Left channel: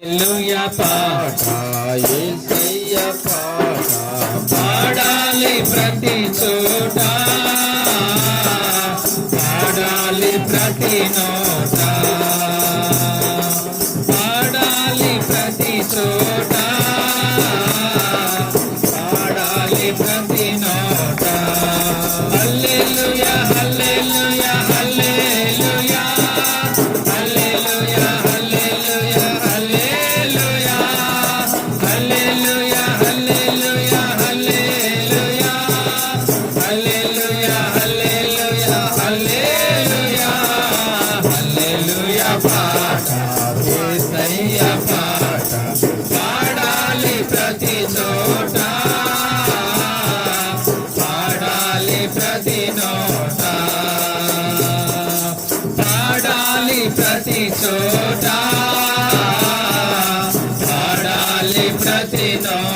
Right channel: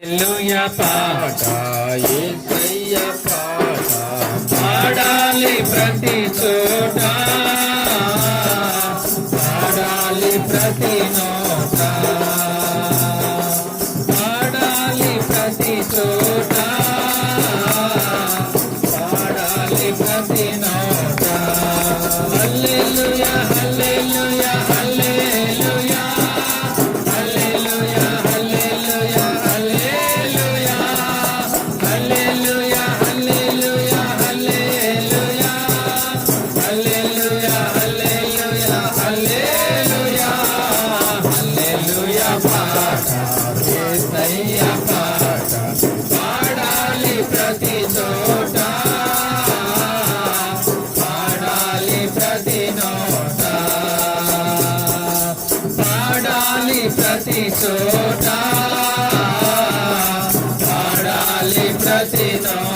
ఎల్లుయ పాట ఎస్ఐయ పాట పాడాలి ప్రతి చోట. పాడాలి ప్రతి నోట. పాడాలి ప్రతి చోట. పాడాలి ప్రతి నోట. అల్లెలుయ ప్రతి చోట పాడాలి ప్రతి చోట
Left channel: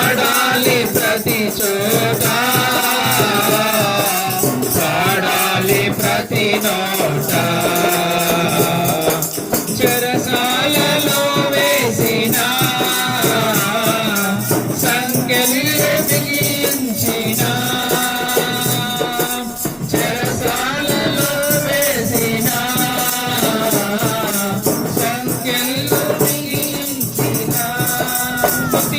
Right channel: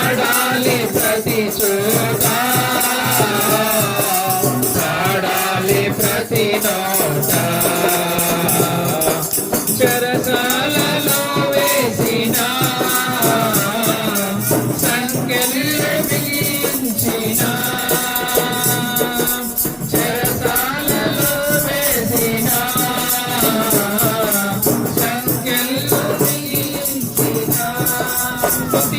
ఆడాలి ప్రతి చోట. ఆడాలి ప్రతి నోట. చెరసాలలో వేసినా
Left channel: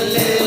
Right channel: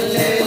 Yeah.